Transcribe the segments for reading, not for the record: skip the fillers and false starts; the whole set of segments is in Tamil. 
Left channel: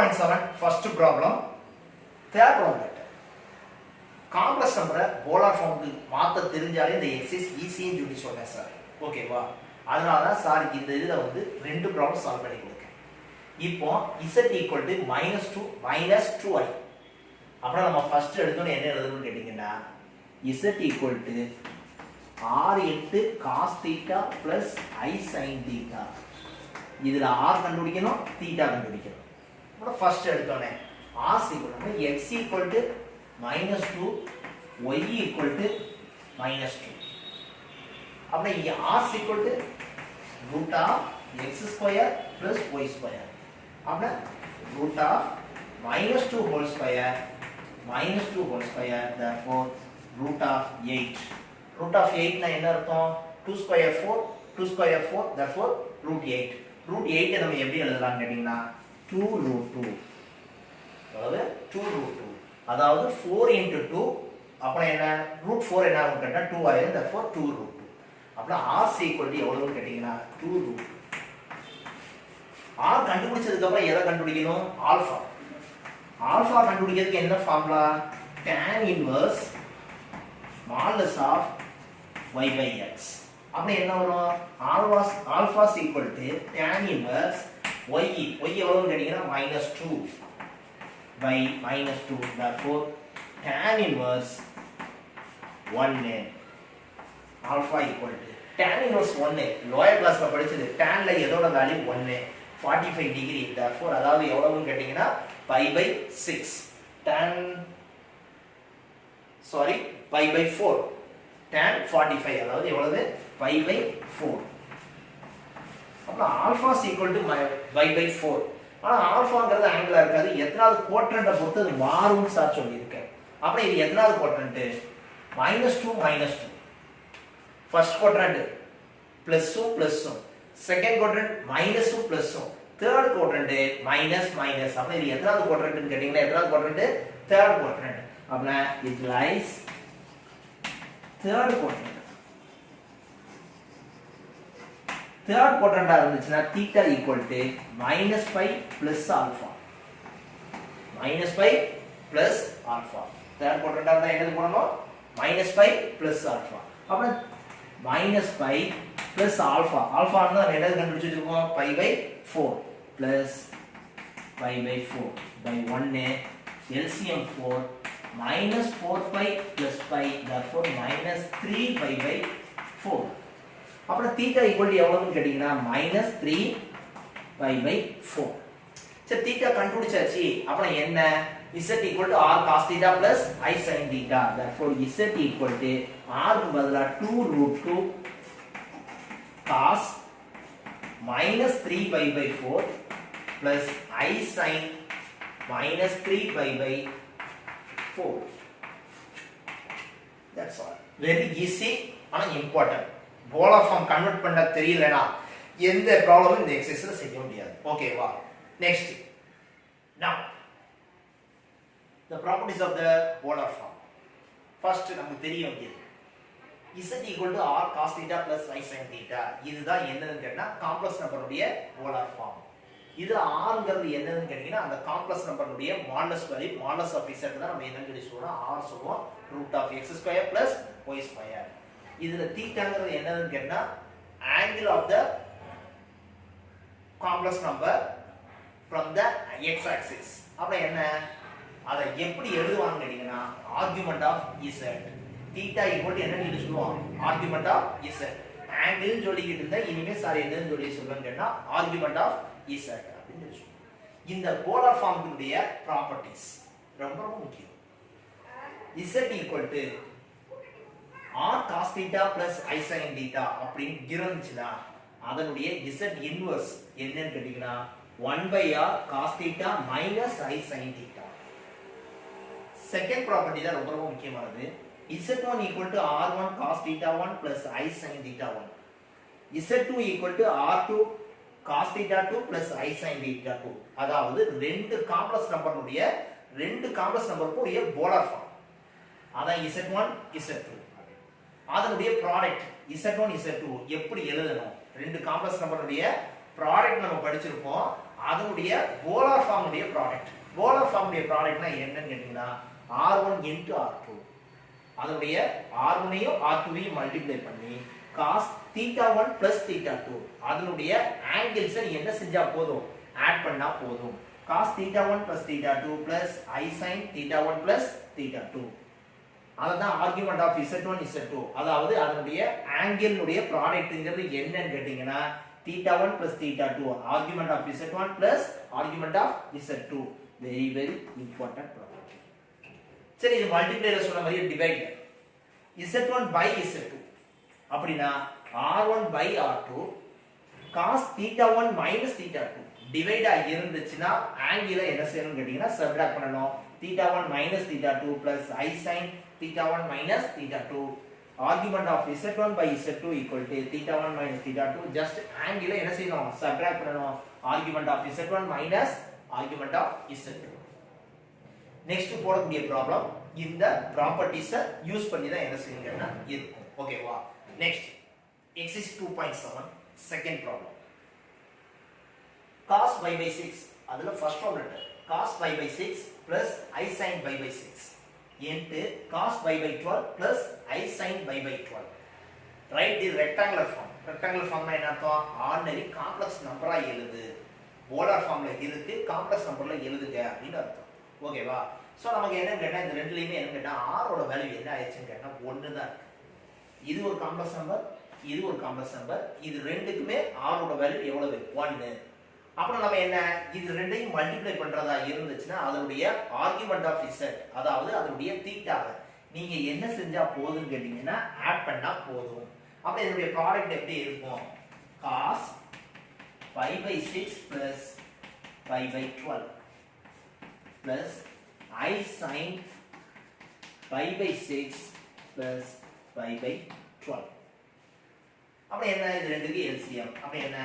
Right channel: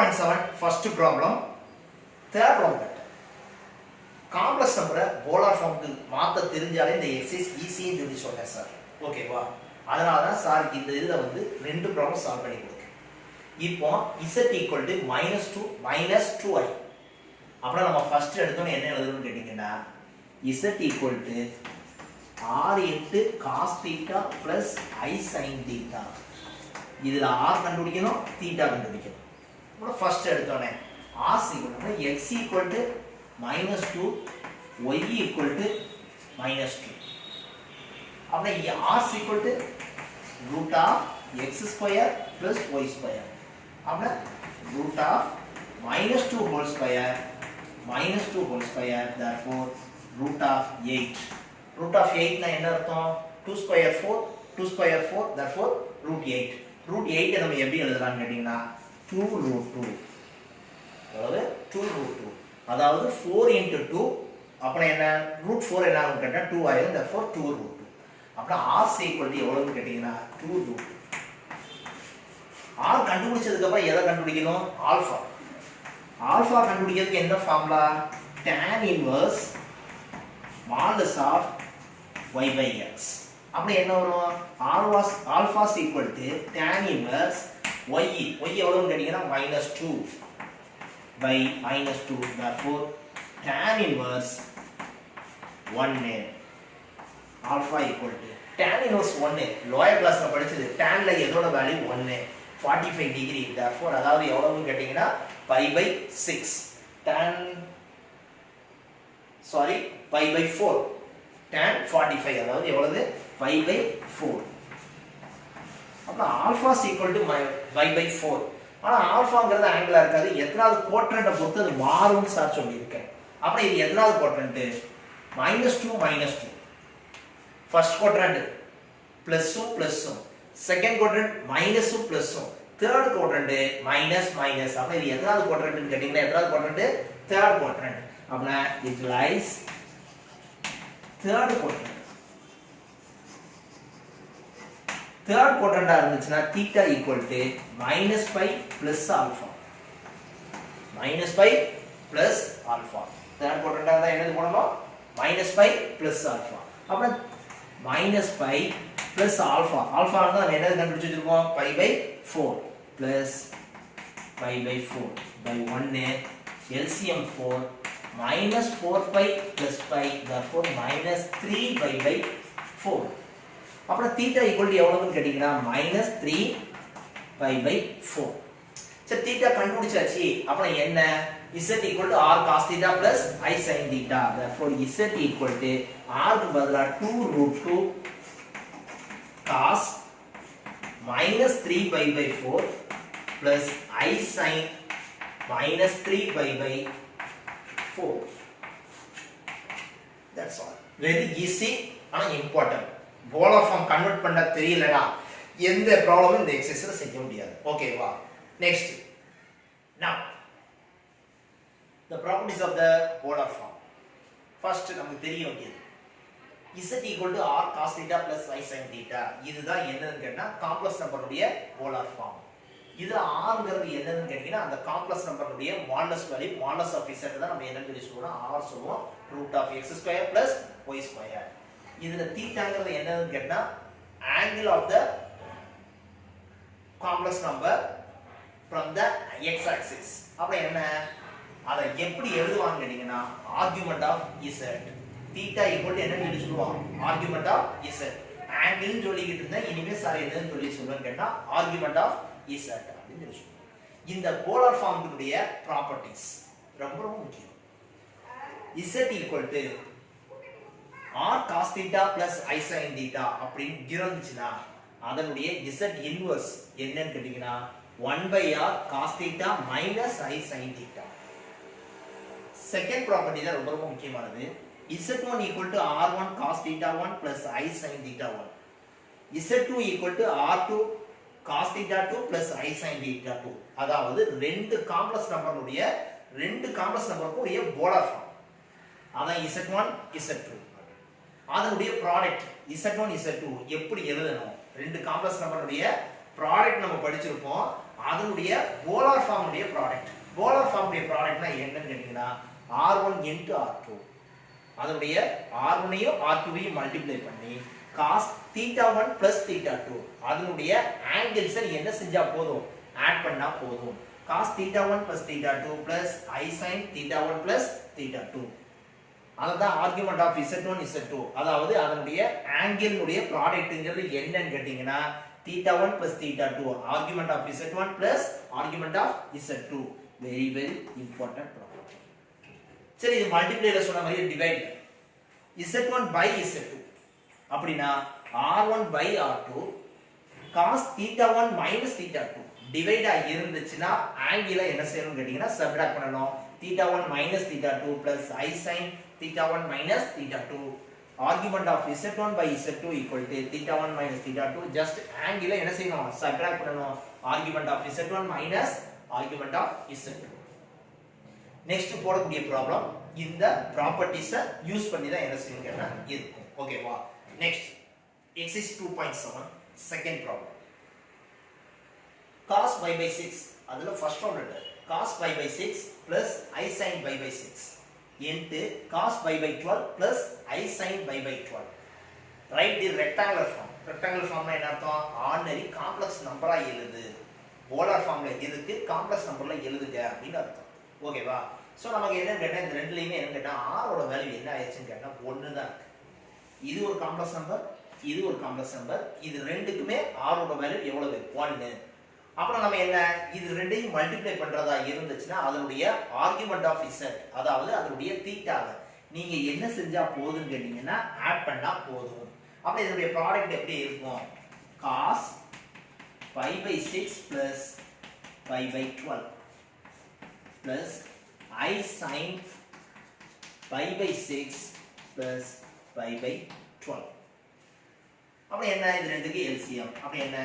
2.7 first problem. Third problem. Complex நம்பரை போலார் ஃபார்முக்கு மாற்ற தெரிஞ்சாலே இந்த எக்ஸசைஸ் ஈஸின்னு சொல்லி சொன்னேன் சார். ஓகேவா? அதனால தான் சார் இந்த இதில் வந்து 2 ப்ராப்ளம் சால்வ் பண்ணி கொடுக்கேன். இப்போ z ஈக்குவல் டு -2 -2i. அப்புறம் நம்ம ஃபர்ஸ்ட் எடுத்தோன்னு என்ன எழுதணும்னு கேட்டிங்கன்னா z equal to r into cos θ plus i sin θ. இதில் r கண்டுபிடிக்கணும், θ கண்டுபிடிக்கணும். அப்புறம் ஃபர்ஸ்ட் எடுத்தோன்னே r equal to x equal to -2 y equal to -2. அப்படி r equal to root of x square plus y square. அப்படி root of -2 whole square -2 whole square, therefore root of 8. root of 8 னா என்ன அர்த்தம்? 2 square 4 2 square 4, therefore root 8. root 8 நம்ம எப்படி எழுதலாம்னு கேட்டிங்கன்னா 2 root 2. அதாவது 2 root 2. அதாவது 4 into 2 அப்புறம் என்ன root 4 என்ன ஆகும் கேட்டா 2 ஆயிரும், therefore 2 root 2. அப்புறம் r equal to எவ்வளவுன்னு கேட்டீங்கன்னா 2 root 2. r கண்டுபிடிச்சதுக்கு அப்புறம் எதை கண்டுபிடிக்கணும்? ஆல்பா. ஆல்பா கண்டுபிடிக்கிறதுக்கு என்ன formula? tan inverse modulus of y by x. அப்படி என்ன வரும்? Alpha equal to tan inverse y. y எவ்வளவுன்னு கேட்டீங்கன்னா -2 by -2, therefore tan inverse 1a. alpha equal to tan inverse 1a. lower class ல படிச்சது tan ல எதோட வேல்யூ 1a 45 டிகிரி, therefore அதாவது எவ்வளவுன்னு கேட்டிங்கன்னா pi by 6 tan pi by 4 tan 45 அதாவது எவ்வளவு pi by 4. அப்புறம் alpha equal to pi by 4. ஆனா ஆல்பாங்கிறது ஆங்கிளா இருக்காது, எத்தனாவது குவாட்ரண்ட்டை பொறுத்து அது மாறும்னு சார் சொல்லியிருக்கேன். அப்புறம் இது எத்தனாவது குவாட்ரண்ட்? -2 -2. ஃபர்ஸ்ட் குவாட்ரண்ட் பிளஸும் பிளஸும், செகண்ட் குவாட்ரண்ட் மைனஸும் பிளஸும், தேர்ட் குவாட்ரண்ட் மைனஸ் மைனஸ். அப்ப இது எத்தனாவது குவாட்ரண்ட்னு கேட்டீங்கன்னா எத்தனாவது குவாட்ரண்ட்? Third quadrant. அப்பனா it lies third quadrant. Third குவாட்ரண்டா இருந்துச்சுன்னா θ equal to -π plus alpha. -π plus alpha. Third குவாட்ரண்டா இருந்தா என்ன பண்ணணும்? -π பிளஸ் ஆல்பா. அப்புறம் -π பிளஸ் ஆல்பா. ஆல்பான்னா நம்ம என்ன கண்டுபிடிச்சிருக்கோம்? π/4 plus π/4 by 1a LCM 4 -4π plus π, therefore -3π/4. அப்புறம் θ ஈக்குவல் டு எவ்வளவுன்னு கேட்டிங்கன்னா -3π/4. சரி, θ கண்டுபிடிச்சாச்சு. அப்புறம் என்ன? z equal to r cos θ plus i sin θ. therefore z equal to r க்கு பதிலா 2 root 2 cos -3π/4 plus i sin -3π/4. that's all. very easy ஆனா important. போலார் ஃபார்ம் கன்வெர்ட் பண்ண தெரியலனா எந்த ப்ராப்ளமும் இந்த எக்ஸசைஸ்ல செய்ய முடியாது. ஓகேவா? Next. now the properties of the polar form. first நமக்கு தெரியும் இது z equal to r cos θ plus i sin θ. இதுதான் என்னன்னு கேட்டா காம்ப்ளெக்ஸ் நம்பருடைய போலார் ஃபார்ம். இது rங்கிறது என்னன்னு கேட்டீங்கன்னா அந்த காம்ப்ளெக்ஸ் நம்பருடைய modulus value, modulus of z தான் நம்ம என்னன்னு சொல்லி சொல்றோம்? r சொல்லுவோம். √(x² plus y². இதுல தீட்டாங்கிறது என்னன்னு கேட்டா angle of the complex number from the x axis. அப்ப என்ன? அத எப்படி எழுதுவாங்க கேட்டிங்கனா argument of z. Theta equal என்னன்னு சொல்லி சொல்லுவோம்? argument of z. angle னு சொல்லிக்கிட்டு இருந்தா இனிமே சார் என்னன்னு சொல்லி சொல்றேன்னு கேட்டா argument of z அப்படின்னு சொல்லி சொல்லுவோம். இந்த போலார் ஃபார்முடைய ப்ராப்பர்ட்டீஸ் ரொம்ப ரொம்ப முக்கியம். z equal to r cos θ plus i sin θ அப்படின்னு இருந்துச்சுனா அதனுடைய z இன்வர்ஸ் என்னன்னு கேட்டிங்கனா 1/r cos θ minus i sin θ. Second property தான் ரொம்ப ரொம்ப முக்கியமானது. z1 r1 cos θ1 plus i sin θ1. z2 r2 cos θ2 plus i sin θ2. அதாவது ரெண்டு காம்ப்ளெக்ஸ் நம்பருடைய ரெண்டு காம்ப்ளெக்ஸ் நம்பருக்கு ஒரு போலார் ஃபார்ம். அதான் z1 z2. அதனுடைய ப்ராடக்ட் z1 z2 எப்படி எழுதணும்? ரெண்டு காம்ப்ளெக்ஸ் நம்பருடைய ப்ராடக்ட் நம்ம படிச்சிருப்போம். அதனுடைய போலார் ஃபார்ம் உடைய ப்ராடக்ட். போலார் ஃபார்ம் உடைய ப்ராடக்ட்னா என்னன்னு கேட்டீங்கன்னா R1 into R2. அதனுடைய R1ஐயும் R2ஐயும் மல்டிப்ளை பண்ணி cos θ1 plus θ2 அதனுடைய ஆங்கிள்ஸ் நீ என்ன செஞ்சா போதும், ஆட் பண்ணா போதும். cos θ1 plus θ2 plus I sin θ1 plus θ2. அதுதான் ஆர்குமெண்ட் ஆஃப் Z1 Z2. அதாவது அதனுடைய ஆங்கிள் உடைய ப்ராடக்ட்ங்கிறது என்னன்னு கேட்டீங்கன்னா θ1 plus θ2 argument of Z1 plus argument of Z2. Very very important property. சரி, இது மல்டிப்ளைல சொன்ன மாதிரி டிவைட் Z1 by Z2 அப்படினா R1 by R2 cos θ1 minus θ2 divide ஆகி இருந்துச்சுனா ஆங்கிளை என்ன செய்யணும் கேட்டிங்கனா சப்ட்ராக்ட் பண்ணனும். θ1 minus θ2 plus I sin θ1 minus θ2 argument of Z1 by Z2 equal to θ1 minus θ2 just ஆங்கிளை என்ன செய்யணும் சப்ட்ராக்ட் பண்ணனும். Argument of Z1 minus argument of Z2. Next போடக்கூடிய ப்ராப்ளம் இந்த ப்ராப்பர்ட்டிஸை யூஸ் பண்ணி தான் என்ன செய்யுங்கன்னா இருக்கும். ஓகேவா? Next exercise 2.7 second problem. cos pi by 6 அதுல first form letter cos pi by 6 plus I sin pi by 6 into cos pi by 12 plus I sin pi by 12. Write the rectangular form. Rectangular ஃபார்ம்னா என்ன அர்த்தம்? ஆர்டினரி காம்ப்ளெக்ஸ் நம்பரா எழுது. போலார் ஃபார்ம்ல இருக்கு, காம்ப்ளெக்ஸ் நம்பர்ல எழுதுங்க அப்படின்னு அர்த்தம். ஓகேவா? சோ நமக்கு என்ன கேட்டா இந்த ரெண்டுலயுமே என்ன கேட்டா r ஓட வேல்யூ என்ன ஆயிடுச்சுன்னு கேட்டா 1 தான் இருக்கு. இது ஒரு காம்ப்ளெக்ஸ் நம்பர், இது ஒரு காம்ப்ளெக்ஸ் நம்பர். இது ரெண்டுக்குமே r ஓட வேல்யூ எவ்வளவு? 1. அப்புறம் நம்ம என்ன இது ரெண்டையும் மல்டிப்ளை பண்றதா இருந்துச்சுன்னா அதனுடைய ஆர்குமெண்ட் ஆஃப் z அதாவது அதனுடைய தீட்டாவை நீங்க என்ன செஞ்சா போதும்னு கேட்டீங்கன்னா ஆட் பண்ணா போதும். அப்ப இதனுடைய ப்ராடக்ட் எப்படி இருக்கும்? cos pi by 6 plus pi by 12 plus I sin pi by 6 plus pi by 12. அப்ப என்ன இது ரெண்டுக்கு LCM. அப்ப என்ன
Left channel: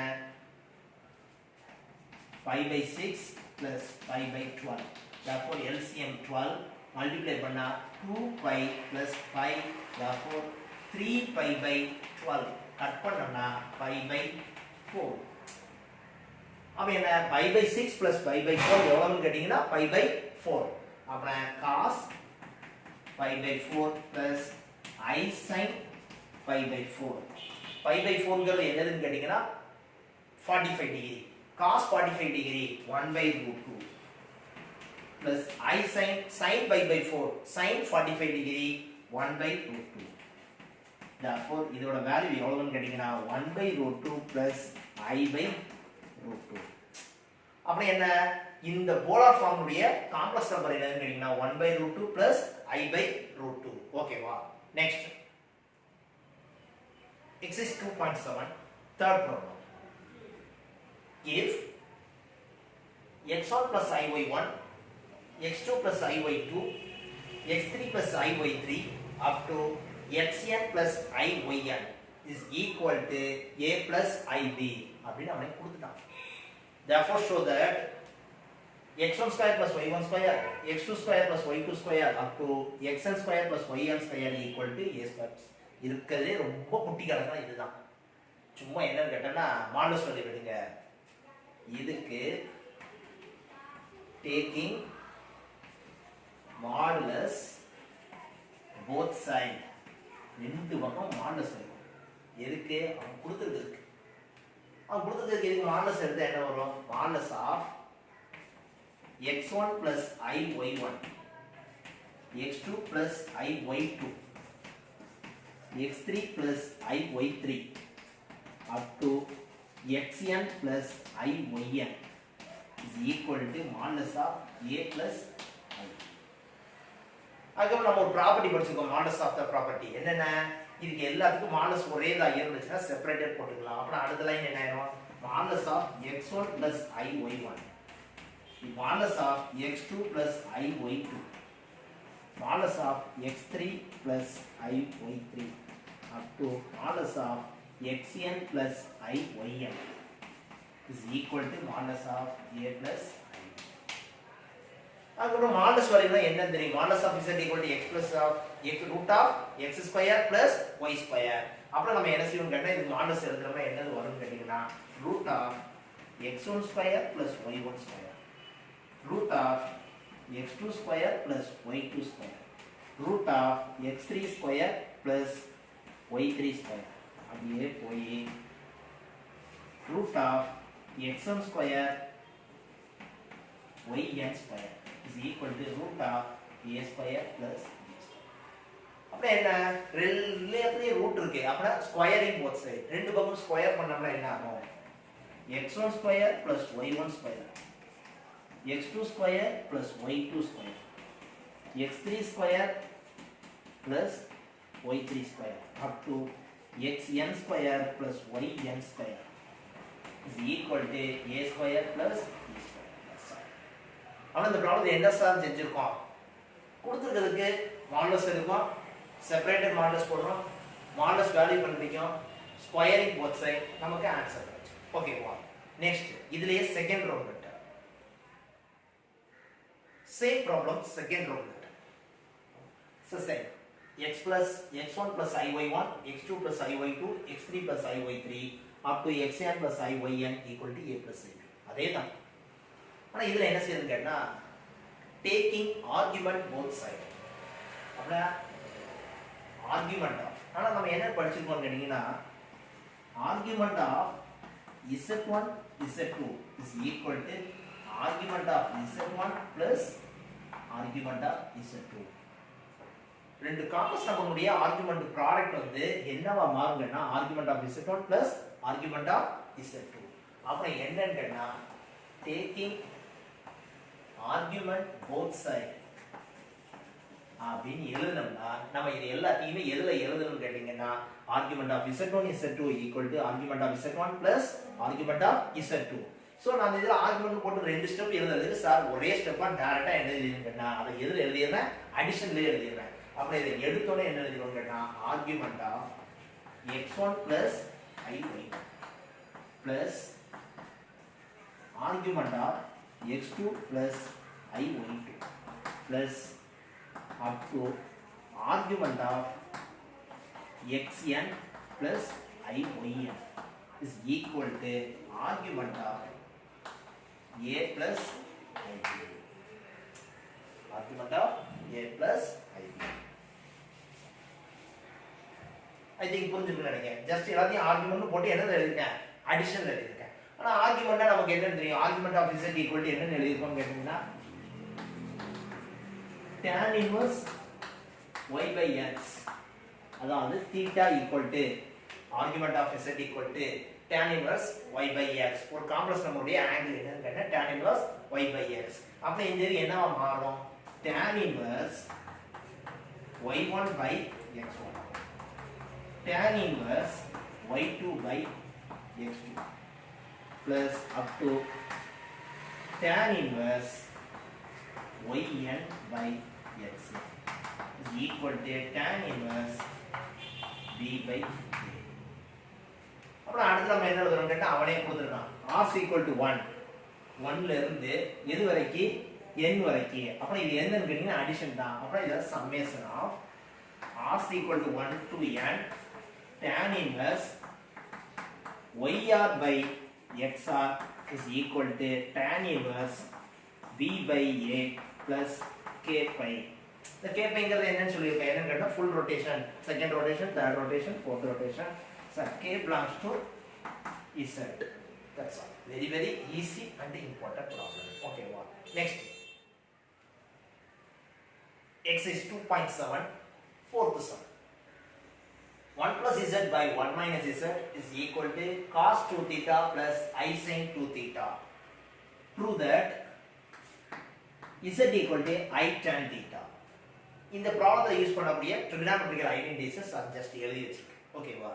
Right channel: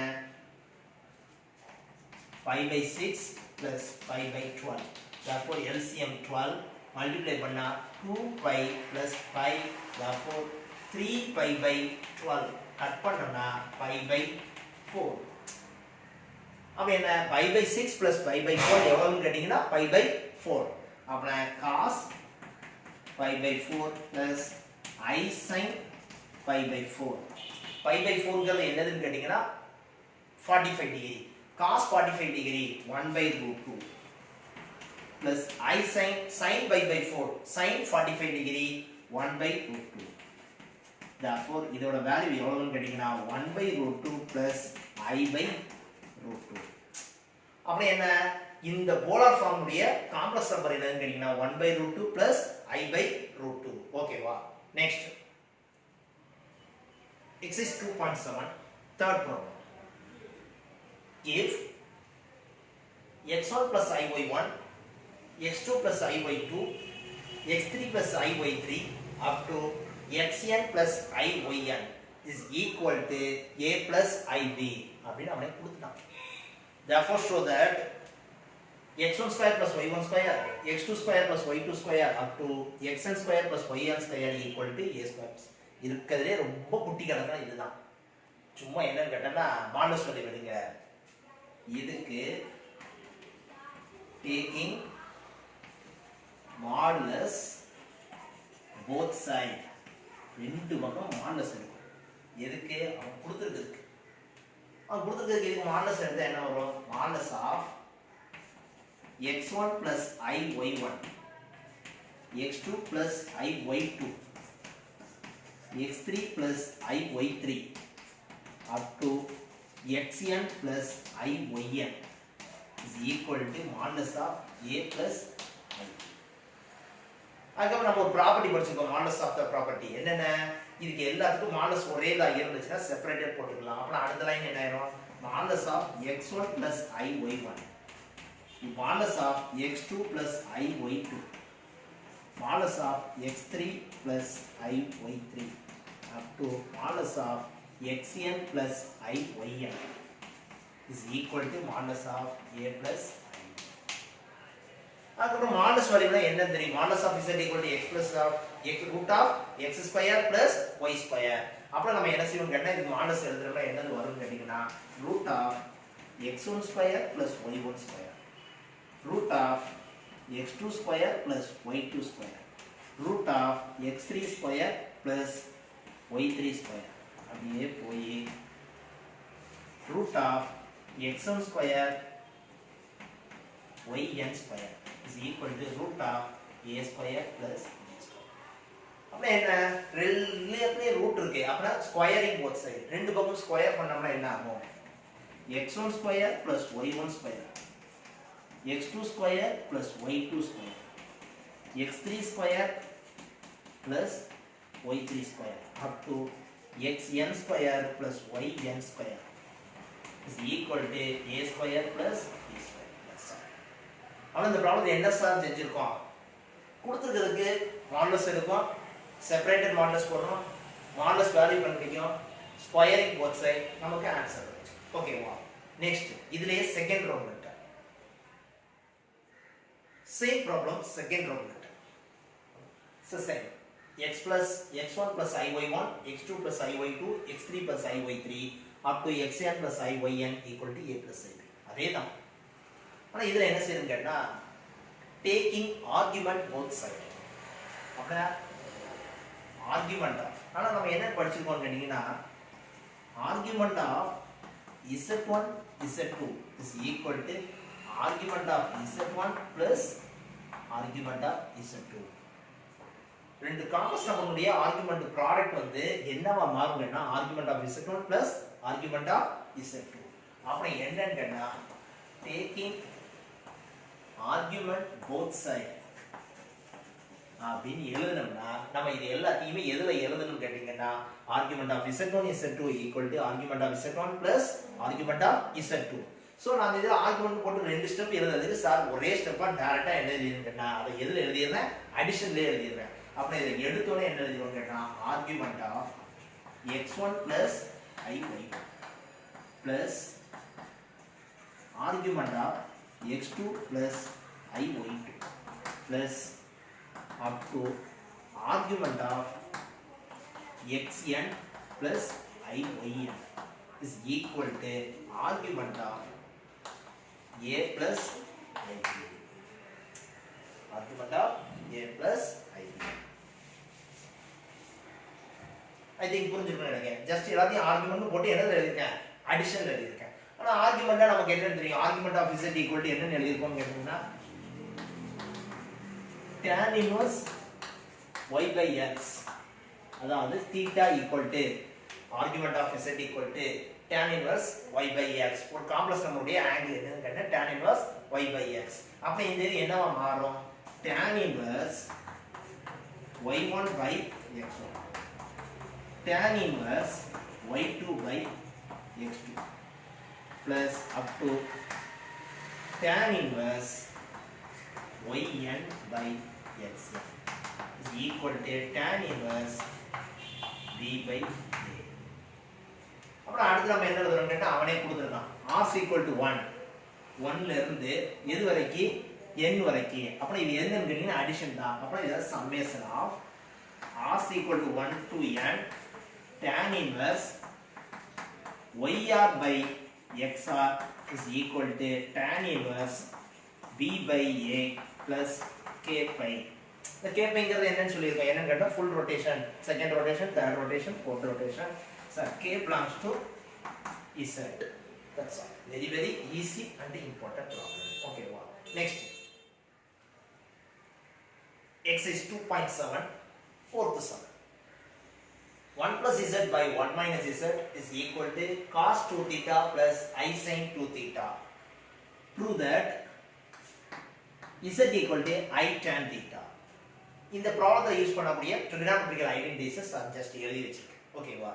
pi by 6 plus pi by 12. Therefore LCM 12 multiply பண்ணா 2 pi plus pi. Therefore 3 pi by 12 cut பண்ணோம்னா pi by 4. அப்ப என்ன pi by 6 plus pi by 4 எவ்வளவுன்னு கேட்டீங்கன்னா pi by 4. அப்புறம் cos pi by 4 plus I sin pi by 4. pi by 4ங்கிறது என்னதுன்னு கேட்டீங்கன்னா 45 degree. cos 45 degree 1 by root 2 plus I sin pi by 4 sin 45 degree 1 by root 2. Therefore இதோட வேல்யூ எவ்வளவுன்னு கேட்டீங்கன்னா 1 by root 2 plus I by root 2. அப்ப என்ன இந்த போலார் ஃபார்ம் உடைய காம்ப்ளெக்ஸ் நம்பர் என்னன்னு கேட்டீங்கன்னா 1 by root 2 plus I by root 2. ஓகேவா? Next exercise 2.7 third problem. If x1 plus iy1 x2 plus iy2 x3 plus iy3 up to xn plus iyn is equal to a plus ib அப்படின்னு அவனே கொடுத்துட்டான். Therefore show that x1 square plus y1 square x2 square plus y2 square up to xn square plus yn square equal to a square. இருக்கிறதுலே ரொம்ப குட்டி கணக்கு இதுதான். சும்மா என்னன்னு கேட்டா மாடுலஸ் வேல்யூ எடுங்க. இதுக்கு taking modulus both side ரெண்டு பக்கம் மாடுலஸ் எடுக்கும். எதுக்கு? அவன் கொடுத்துருக்கு. அவன் கொடுத்துருக்கு இதுக்கு மாடுலஸ் எடுத்தா என்ன வரும்? Modulus of x1 plus iy1 x2 plus iy2 x3 plus iy3 up to xn plus iyn is equal to modulus of a plus i. அதுக்கு நம்ம ஒரு ப்ராப்பர்ட்டி படிச்சிருக்கோம் modulus of the property. என்னன்னா இதுக்கு எல்லாத்துக்கும் modulus ஒரே தான் இருந்துச்சுன்னா செப்பரேட்டட் போட்டுக்கலாம். அப்புறம் அடுத்த லைன் என்ன ஆயிரும்? modulus of x1 plus iy1 modulus of x2 plus iy2 modulus of x3 plus iy3 up to modulus of xn plus iyn is equal to modulus of a plus i. அதுக்கப்புறம் modulus வேல்யூனா என்ன தெரியும்? modulus of z equal to x plus of x root of x square plus y square. அப்புறம் நம்ம என்ன செய்வோம் கேட்டா இது modulus எழுதுறப்ப என்னது வரும்னு கேட்டீங்கன்னா root of x1 square plus y1 square root of x2 square plus y2 square root of x3 square plus y3 square அப்படியே போய் root of xn square yn square is equal to root of a square plus b square. அப்ப என்ன ரெண்டுலயே ரூட் இருக்கு. அப்பனா ஸ்கொயரிங் both side. ரெண்டு பக்கம் ஸ்கொயர் பண்ணோம்னா என்ன ஆகும்? x1 square plus y1 square x2 square plus y2 square x3 square plus y3 square up to xn square plus yn square is equal to a square plus b square. That's all. ஆனா இந்த ப்ராப்ளம் என்ன சார் செஞ்சிருக்கோம்? கொடுத்ததுக்கு மாடுலஸ் எடுப்போம், செப்பரேட்டட் மாடுலஸ் போடுறோம், மாடுலஸ் வேல்யூ கண்டுபிடிக்கும், ஸ்கொயரிங் both side, நமக்கு ஆன்சர் வந்துச்சு. ஓகேவா? நெக்ஸ்ட் இதுலயே second round letter. Same problem second round letter. Same x plus x1 plus iy1 x2 plus iy2 x3 plus iy3 up to xn plus iyn equal to a plus ib. அதேதான். ஆனா இதுல என்ன செய்யணும் கேட்டா taking argument both side. அப்படினா argument of ஆனா நம்ம என்ன படிச்சிருக்கோம் கேட்டீங்கன்னா argument of z1 z2 is equal to argument of z1 plus argument of z2. ரெண்டு காம்ப்ளெக்ஸ் நம்பருடைய ஆர்குமென்ட் ப்ராடக்ட் வந்து என்னவா மாறுங்கன்னா argument of z1 plus argument of z2. அப்புறம் என்னன்னு கேட்டா டேக்கிங் ஆர்குமென்ட் போத் சைடு அப்படின்னு எழுதணும்னா நம்ம இது எல்லாத்தையுமே எதுல எழுதணும்னு கேட்டீங்கன்னா argument of z1 z2 equal to argument of z1 plus argument of z2. So நான் இதுல ஆர்குமென்ட் போட்டு ரெண்டு ஸ்டெப் எழுதுறதுக்கு சார் ஒரே ஸ்டெப்பா டைரக்டா என்ன எழுதிருக்கேன்னா அதை எதுல எழுதிறேன் அடிஷன்ல எழுதிறேன். அப்ப இதை எடுத்தோனே என்ன எழுதிரோம் கேட்டா argument of x1 plus iy plus argument of x2 plus iy2 plus up to argument of xn plus iyn is equal to argument of a plus ib. Argument of a plus ib. I think புரிஞ்சுக்கணும் நினைக்கிறேன். ஜஸ்ட் எல்லாத்தையும் ஆர்குமெண்ட் போட்டு என்னது எழுதிருக்கேன் அடிஷன் எழுதிருக்கேன். ஆனா ஆர்குமெண்ட்னா நமக்கு என்ன தெரியும்? Argument of z equal to என்னன்னு எழுதிருக்கோம்னு கேட்டீங்கன்னா tan inverse y by x அதாவது theta equal to argument of z equal to tan inverse y by x. ஒரு காம்ப்ளெக்ஸ் நம்பருடைய ஆங்கிள் என்னன்னு கேட்டா tan inverse y by x. அப்ப இந்த இது என்னவா மாறும்? tan inverse y1 by x1 tan inverse y2 by x2 plus up to tan inverse yn by xn is equal to tan inverse b by a. அப்புறம் அடுத்து நம்ம என்ன எழுதணும் கேட்டா அவனே கொடுத்திருக்கான் r equal to 1 1 ல இருந்து எது வரைக்கும் n வரைக்கும். அப்புறம் இது என்னன்னு கேட்டீங்கன்னா அடிஷன் தான். அப்புறம் இது summation of r equal to 1 to n tan inverse yr by xr is equal to tan inverse b by a plus k pi. இந்த k pi ங்கிறது என்னன்னு சொல்லிருக்கேன். என்னன்னு கேட்டா full rotation, second rotation, third rotation, fourth rotation. So k belongs to z. That's all. Very very easy and important problem. Okay, wow. Next. Exercise 2.7 fourth sum. 1 plus z by 1 minus z is equal to cos 2 theta plus I sin 2 theta. Prove that z equal to I tan theta. இந்த ப்ராப்ளத்தை யூஸ் பண்ணக்கூடிய trigonometrical identities ஜஸ்ட் எழுதி வச்சிருக்கேன். ஓகேவா?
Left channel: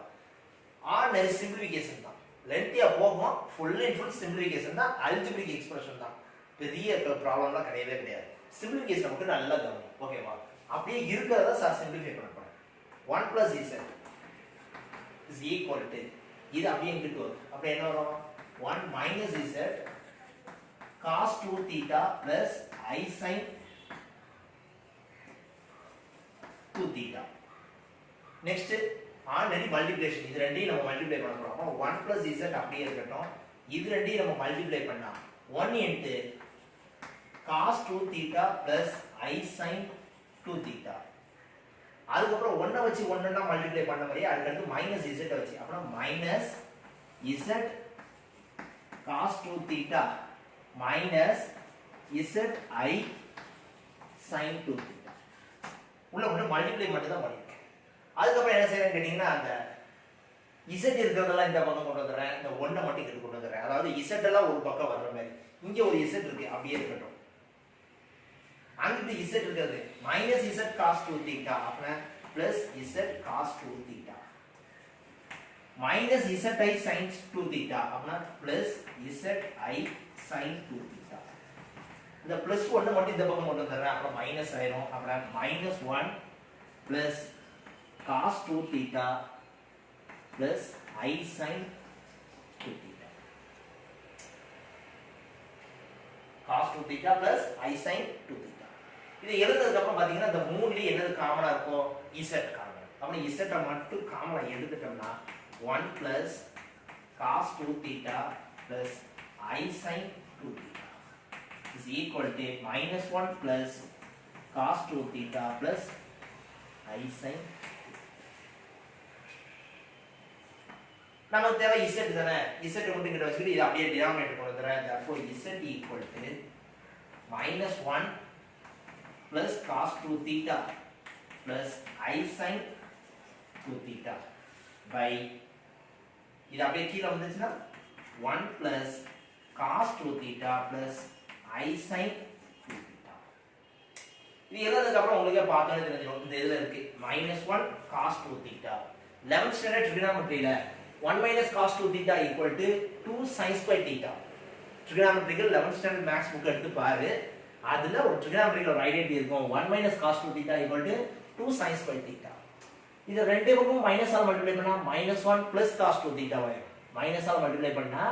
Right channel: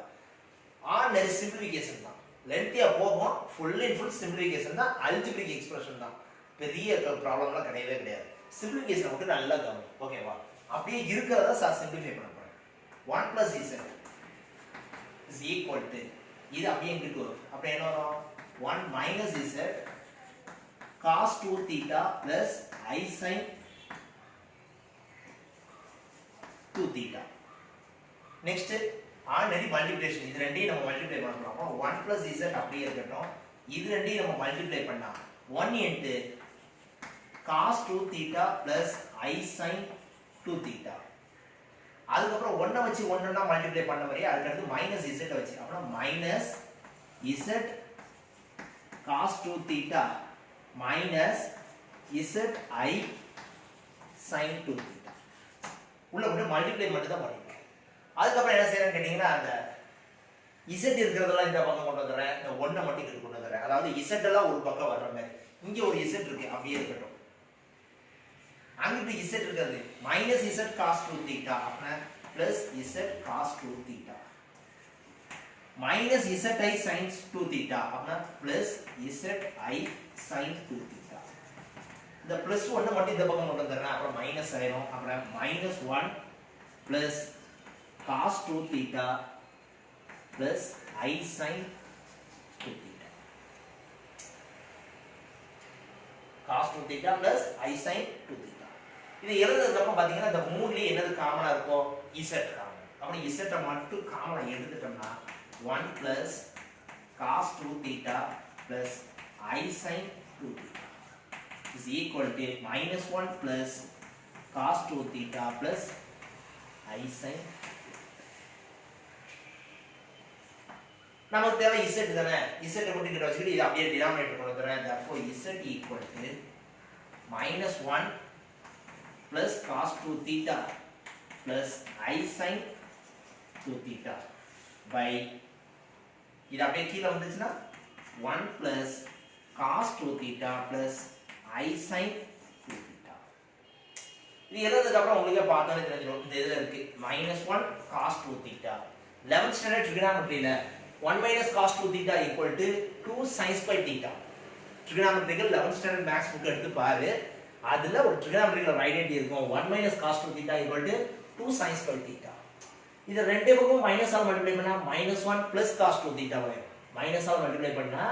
ஆர்டினரி சிம்பிளிஃபிகேஷன் தான். லென்த்தியா போகும். ஃபுல் அண்ட் ஃபுல் சிம்பிளிஃபிகேஷன் தான். அல்ஜிப்ரிக் எக்ஸ்பிரஷன் தான். பெரிய ப்ராப்ளம்லாம் கிடையவே கிடையாது. சிம்பிளிஃபிகேஷன் மட்டும் நல்லா கவனிங்க. ஓகேவா? அப்படியே இருக்கிறத சார் சிம்பிளிஃபை பண்ண போறேன். 1 plus z is equal to இது அப்படியே இங்கிட்டு வரும். அப்ப என்ன வரும்? 1 minus z cos 2 theta plus I sin 2 theta. Next ordinary multiplication. இது ரெண்டையும் நம்ம மல்டிப்ளை பண்ண போறோம். 1 plus z அப்படியே இருக்கட்டும். இது ரெண்டையும் நம்ம மல்டிப்ளை பண்ணா 1 into cos 2 theta plus I sin 2 theta. அதுக்கப்புறம் 1 வச்சு 1 மல்டிப்ளை பண்ண மாதிரி அதுக்கடுத்து மைனஸ் z வச்சு அப்புறம் minus z cos 2 theta minus z I sin 2 theta. உள்ள மட்டும் மல்டிப்ளை மட்டும் தான் பண்ணிருக்கேன். அதுக்கப்புறம் என்ன செய்யறேன்னு கேட்டீங்கன்னா அந்த z இருக்கிறதெல்லாம் இந்த பக்கம் கொண்டு வந்துடுறேன், இந்த 1 மட்டும் இங்க கொண்டு வந்துடுறேன். அதாவது z எல்லாம் ஒரு பக்கம் வர்ற மாதிரி இங்க ஒரு z இருக்கு அப்படியே இருக்கட்டும். அங்கிட்டு z இருக்கிறது மைனஸ் z cos 2 theta அப்படினா plus z cos 2 theta minus z I sin 2 theta அப்படினா plus z I sin 2 theta. இந்த பிளஸ் 1 மட்டும் இந்த பக்கம் கொண்டு வந்துடுறேன், அப்புறம் மைனஸ் ஆயிரும். அப்புறம் minus 1 plus cos 2 theta plus I sin 2 theta. cos 2 theta plus I sin 2 theta. இது எழுதுறதுக்கு அப்புறம் பாத்தீங்கன்னா இந்த மூணுலயே என்னது காமனா இருக்கும்? z common. அப்புறம் z மட்டும் காமனா எடுத்துட்டோம்னா 1 plus cos 2 theta plus I sin 2 theta is equal to minus 1 plus cos 2 theta plus I sin. நமக்கு தேவை z தானே, z கொண்டு கிட்ட வச்சுக்கிட்டு இது அப்படியே டினாமினேட்டர் கொண்டு வரேன். therefore z equal to minus 1 plus cos 2 theta plus I sin 2 theta by இது அப்படியே கீழ வந்துச்சுன்னா 1 plus cos 2 theta plus I sin 2 theta. இது எழுதுறதுக்கு அப்புறம் உங்களுக்கு பார்த்தாலே தெரிஞ்சிடும். இந்த இதுல இருக்கு minus 1 cos 2 theta 11th standard trigonometryல 1 minus cos 2 theta equal to 2 sin square theta. trigonometrical 11th standard maths book எடுத்து பாரு, அதுல ஒரு trigonometrical ஐடென்டிட்டி இருக்கும். 1 minus cos 2 theta equal to 2 sin square theta. இது ரெண்டு பக்கமும் மைனஸ் ஆல் மல்டிப்ளை பண்ணா minus 1 plus cos 2 theta வரும். மைனஸ் ஆல் மல்டிப்ளை பண்ணா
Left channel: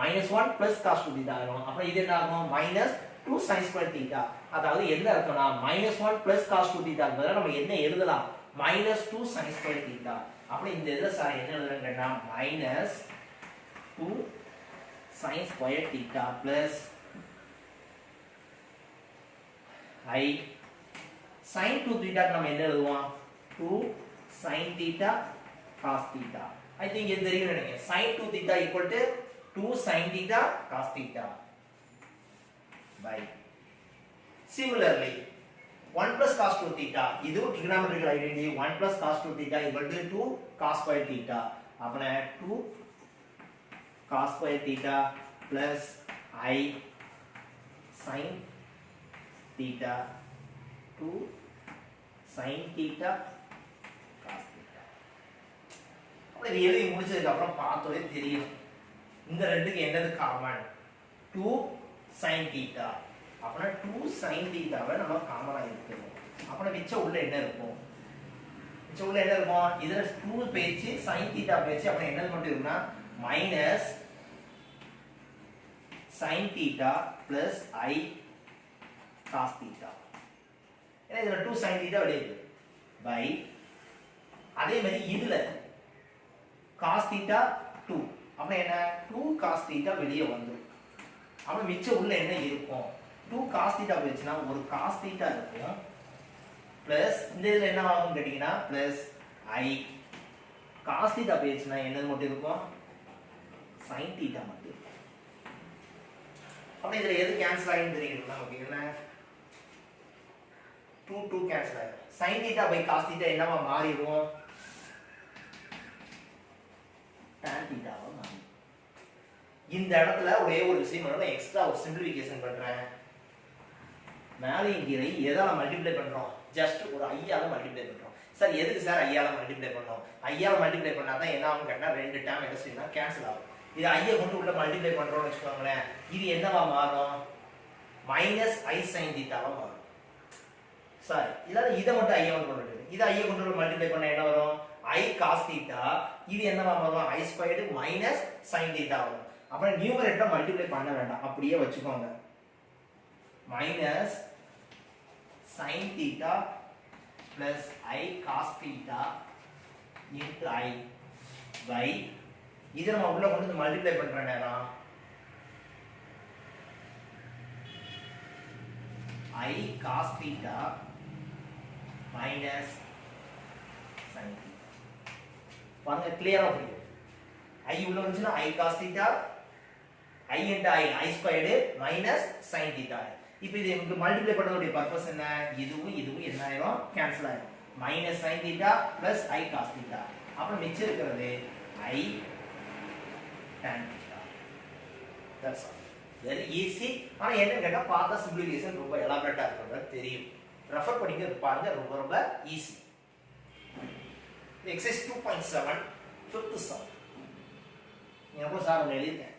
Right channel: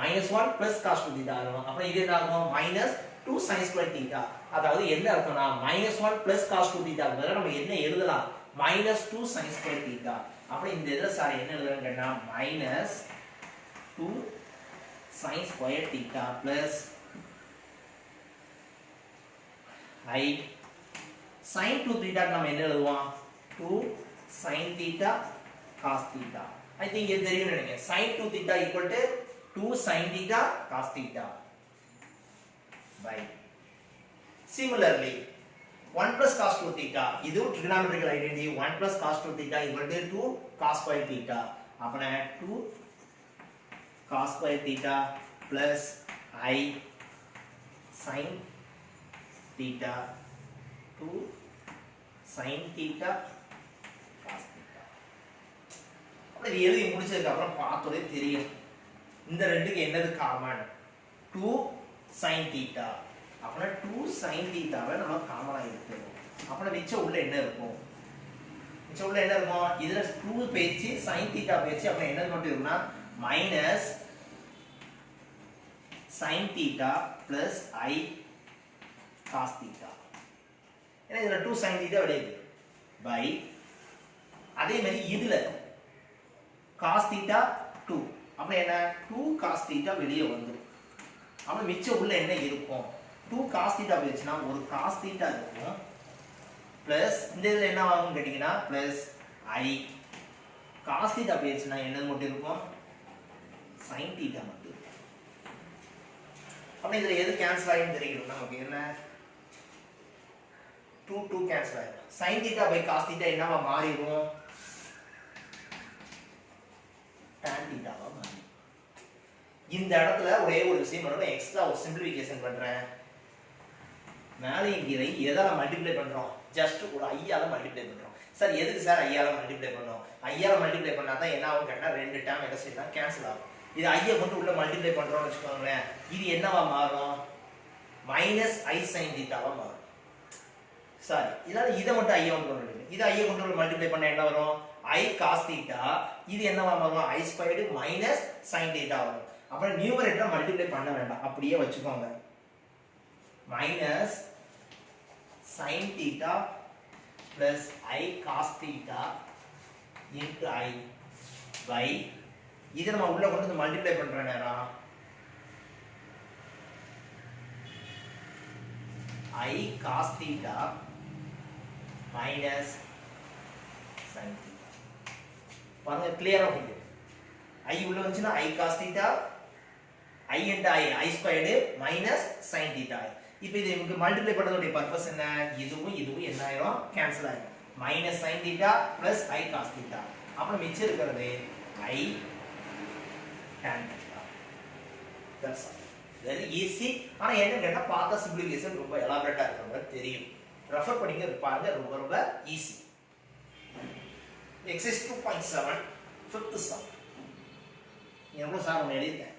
minus 1 plus cos 2 theta வரும். அப்புறம் இது என்ன ஆகும்? minus 2 sin square theta. அதாவது என்ன அர்த்தம்னா minus 1 plus cos 2 theta க்கு பதிலா நம்ம என்ன எழுதலாம்? minus 2 sin square theta. அப்புறம் இந்த இதுல சார் என்ன எழுதுறேன்னா minus 2 sin square theta plus I sin 2 theta நம்ம என்ன எழுதுவோம்? 2 sin theta cos theta. I think இது தெரியும் நினைக்கிறேன். sin 2 theta equal to 2 sin theta cos theta by similarly 1 plus cos 2 theta இது trigonometrical identity 1 plus cos 2 theta equal to 2 cos square theta. அப்பனா 2 cos square theta plus I sin theta 2 sin theta cos theta. அப்ப இது எழுதி முடிச்சதுக்கு அப்புறம் பார்த்தோதே தெரியும் இந்த ரெண்டுக்கு என்னது காமன்? 2 sin theta. அப்பனா 2 sin theta வை நம்ம காமனா எடுத்துறோம். அப்பனா மிச்சம் உள்ள என்ன இருக்கும்? மிச்சம் உள்ள என்ன இருக்கும்? இதுல 2 பேச்சு sin theta பேச்சு அப்ப என்ன மட்டும் இருக்கும்னா minus sin theta plus I cos theta. ஏன்னா இதுல 2 sin theta வெளியே by அதே மாதிரி இதுல cos theta 2 அப்ப என்ன 2 cos theta வெளியே வந்துரும். அப்ப மிச்சம் உள்ள என்ன இருக்கும்? 2 cos theta வெச்சுனா ஒரு cos theta இருக்கும் plus இந்த இதுல என்ன ஆகும் கேட்டிங்கனா plus I cos theta வெச்சுனா என்னது மட்டும் இருக்கும்? sin theta மட்டும் இருக்கும். அப்ப இதுல எது கேன்சல் ஆயிடும் தெரியும் நமக்கு என்ன 2 கேன்சல் ஆயிடும். sin theta by cos theta என்னவா மாறிடும்? tan theta வா மாறிடும். இந்த இடத்துல ஒரே ஒரு விஷயம் மட்டும் எக்ஸ்ட்ரா ஒரு சிம்பிளிஃபிகேஷன் பண்றேன். மேலையும் கீழே எதால மல்டிப்ளை பண்றோம்? ஜஸ்ட் ஒரு ஐயால மல்டிப்ளை பண்றோம். சார் எதுக்கு சார் ஐயால மல்டிப்ளை பண்ணோம்? ஐயால மல்டிப்ளை பண்ணா தான் என்ன ஆகும் கேட்டா ரெண்டு டேர்ம் என்ன செய்யலாம் கேன்சல் ஆகும். இது ஐயை கொண்டு உள்ள மல்டிப்ளை பண்றோம்னு வெச்சுக்கோங்களேன். இது என்னவா மாறும்? மைனஸ் I sin theta வா மாறும். சாரி இதனால இதை மட்டும் ஐயா கொண்டு வரணும். இதை ஐயை கொண்டு உள்ள மல்டிப்ளை பண்ணா என்ன வரும்? I cos theta. இது என்னவா மாறும்? I squared minus sin theta வரும். அப்புறம் நியூமரேட்டரை மல்டிப்ளை பண்ண வேண்டாம், அப்படியே வச்சுக்கோங்க. Minus sin theta plus I cos theta into I by இதை நம்ம உள்ள கொண்டு வந்து மல்டிப்ளை பண்ற நேரம் I cos theta minus sin theta. பாருங்க கிளியரா புரியுது. I உள்ள வந்துச்சுனா I cos theta I into I squared minus sin theta. இப்போ இது நமக்கு மல்டிப்ளை பண்றதோட பர்பஸ் என்ன? இதுவும் இதுவும் என்ன ஆயிரும்? கேன்சல் ஆயிரும். minus sin theta plus I cos theta. அப்புறம் மிச்சம் இருக்கிறது I tan theta. That's all. Very easy. ஆனா என்ன கேட்டா பார்த்தா சிம்பிளிஃபிகேஷன் ரொம்ப எலாபரேட்டா இருக்கும்னு தெரியும். ரெஃபர் பண்ணிங்க பாருங்க ரொம்ப ரொம்ப ஈஸி. Exercise 2.7 fifth sum. எனக்கு சார் ஒன்று எழுதிட்டேன்.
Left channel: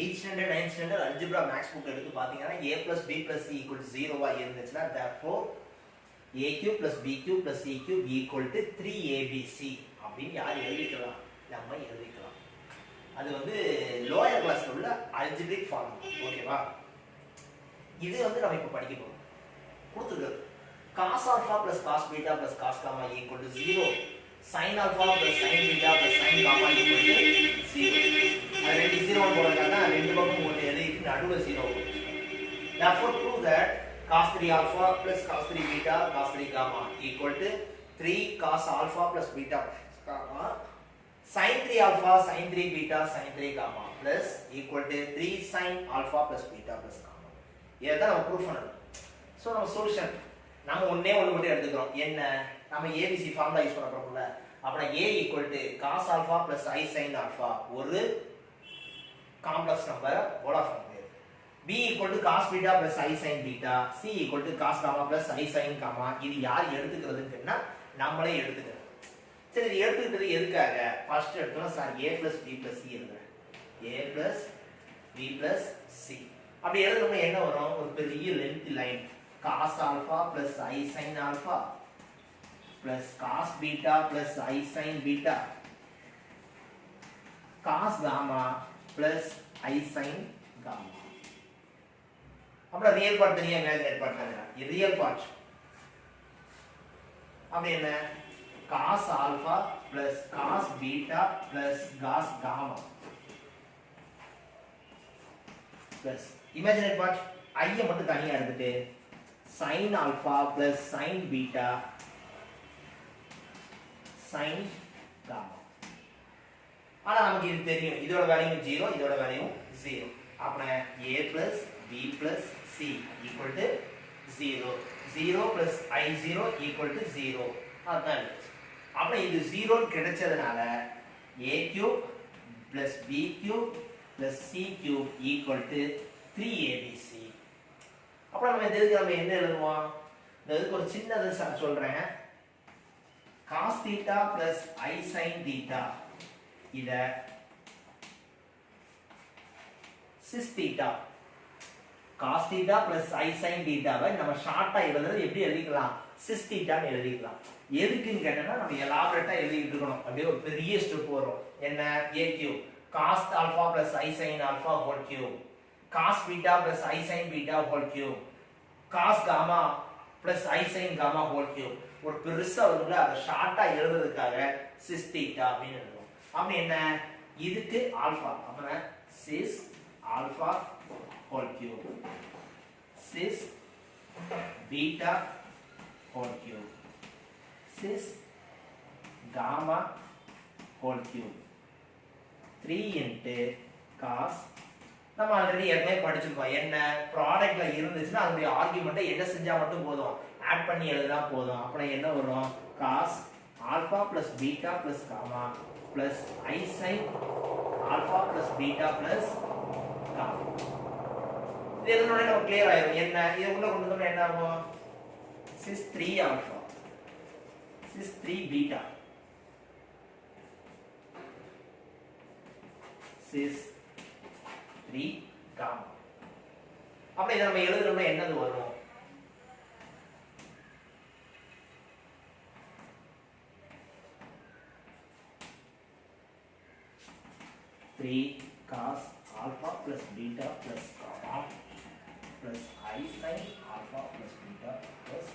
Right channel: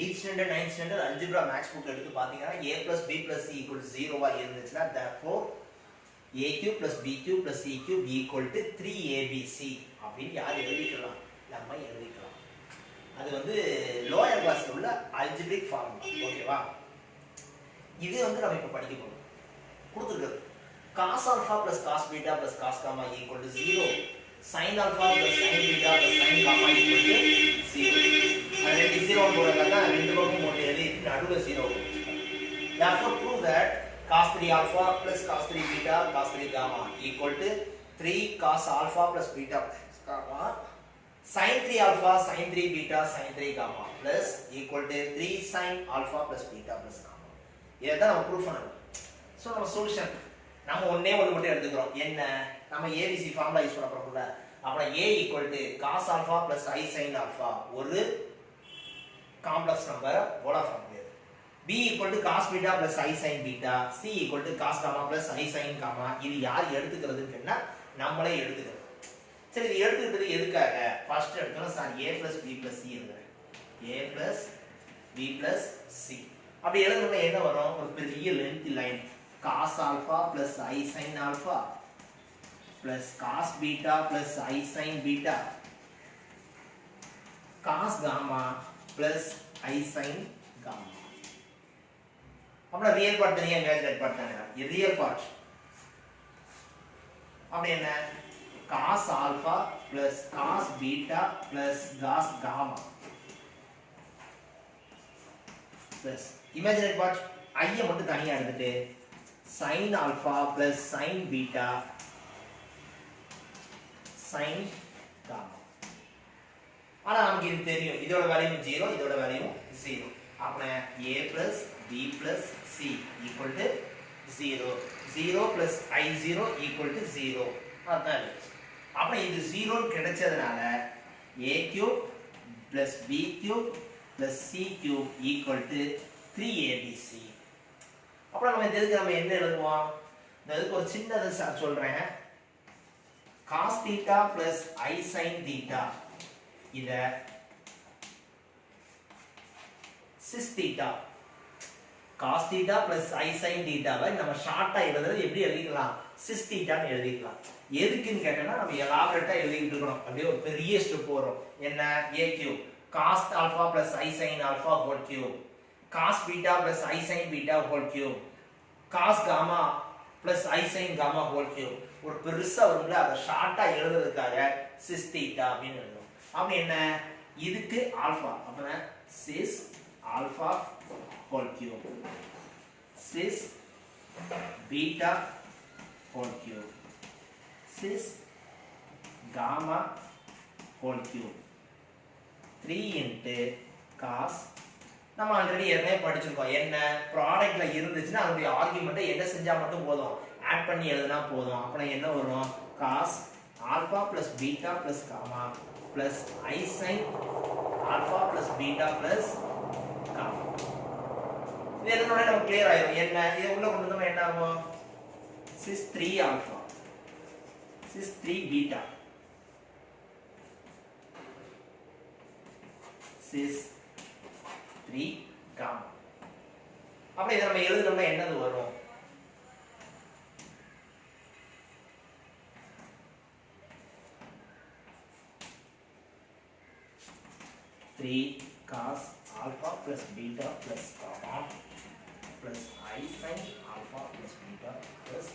8th standard 9th standard algebra max book எடுத்து பாத்தீங்கன்னா a plus b plus c equal to 0 ஆ இருந்துச்சுன்னா therefore a cube plus b cube plus c cube equal to 3abc அப்படின்னு யார் எழுதிக்கலாம்? நம்ம எழுதிக்கலாம். அது வந்து லோயர் கிளாஸ்ல உள்ள algebraic form. ஓகேவா? இது வந்து நம்ம இப்ப படிக்க போறோம். கொடுத்திருக்கு cos alpha plus cos beta plus cos gamma equal to 0. sin alpha plus sin beta plus sin gamma equal to 0. அது 0 போடுறதுனா ரெண்டு பக்கமும் போட்டு எழுதி நடுவுல 0 போடுங்க. Therefore prove that cos 3 alpha plus cos 3 beta cos 3 gamma equal to 3 cos alpha plus beta gamma sin 3 alpha sin 3 beta sin 3 gamma plus equal to 3 sin alpha plus beta plus gamma. இதான் நம்ம ப்ரூஃப் பண்ணணும். சோ நம்ம சொல்யூஷன் நம்ம ஒண்ணே ஒண்ணு மட்டும் எடுத்துக்கிறோம். என்ன? நம்ம ABC ஃபார்முலா யூஸ் பண்ண போறோம்ல. அப்ப A equal to cos alpha plus I sin alpha ஒரு complex number polar form. B equal to cos beta plus I sin beta, C equal to cos gamma plus I sin gamma. இது யார் எடுத்துக்கிறதுன்னா நம்மளே எடுத்துக்கிறோம். சரி இது எடுத்துக்கிறது எதுக்காக? ஃபர்ஸ்ட் எடுத்தோம் sir A plus B plus C எழுதுறேன். A plus B plus C. அப்படி எழுதணும்னா என்ன வரும்? ஒரு பெரிய length line cos alpha plus I sin alpha plus cos beta plus I sin beta cos gamma plus I sin gamma. அப்படி ரியல் பார்ட் தனியா இமேஜினரி பார்ட் தனியா. இது ரியல் பார்ட். அப்படி என்ன? cos alpha plus cos beta plus cos gamma plus imaginary part I மட்டும் தனியா எடுத்துட்டு sin alpha plus sin beta sin gamma. ஆனா நமக்கு இது தெரியும். இதோட வேல்யூ 0, இதோட வேல்யூ 0. அப்ப a plus b plus c equal to 0. 0 plus I0 equal to 0. அதான். அப்ப இது 0 கிடைச்சதனால a cube plus b cube plus c cube equal to 3abc. அப்ப நம்ம நம்ம என்ன எழுதுவோம்? இதுக்கு ஒரு சின்னது சொல்றேன். cos theta plus I sin theta இத sis theta cos theta plus I sin theta வை நம்ம ஷார்ட்டா எழுதுறது எப்படி எழுதிக்கலாம்? sis theta ன்னு எழுதிக்கலாம். எதுக்குன்னு கேட்டா நம்ம எலாபரேட்டா எழுதிட்டு இருக்கோம். அப்படியே ஒரு பெரிய ஸ்டெப் வரும். என்ன? a cube cos alpha plus I sin alpha whole cube cos beta plus I sin beta whole cube cos gamma plus I sin gamma whole cube. ஒரு பெருசா வரும்ல, அத ஷார்ட்டா எழுதுறதுக்காக sis theta அப்படினு எழுதுறோம். அப்ப என்ன? இதுக்கு ஆல்பா. அப்பனா sis alpha whole cube sis beta whole cube sis gamma whole cube 3 into cos. நம்ம ஆல்ரெடி ஏற்கனவே படிச்சிருக்கோம். என்ன? ப்ராடக்ட்ல இருந்துச்சுன்னா அதோட ஆர்குமெண்ட்டை என்ன செஞ்சா மட்டும் போதும், ஆட் பண்ணி எழுதினா போதும். அப்ப என்ன வரும்? cos alpha plus beta plus gamma plus I sin alpha plus beta plus gamma. இது எதுனால நமக்கு கிளியர் ஆயிடும். என்ன? இத உள்ள கொண்டு வந்தோம்னா என்ன ஆகும்? sis 3 alpha sis 3 beta sis 3 gamma. அப்ப இத நம்ம எழுதுறோம்னா என்னது வரும்? three cos alpha plus beta plus gamma plus I sin alpha plus beta plus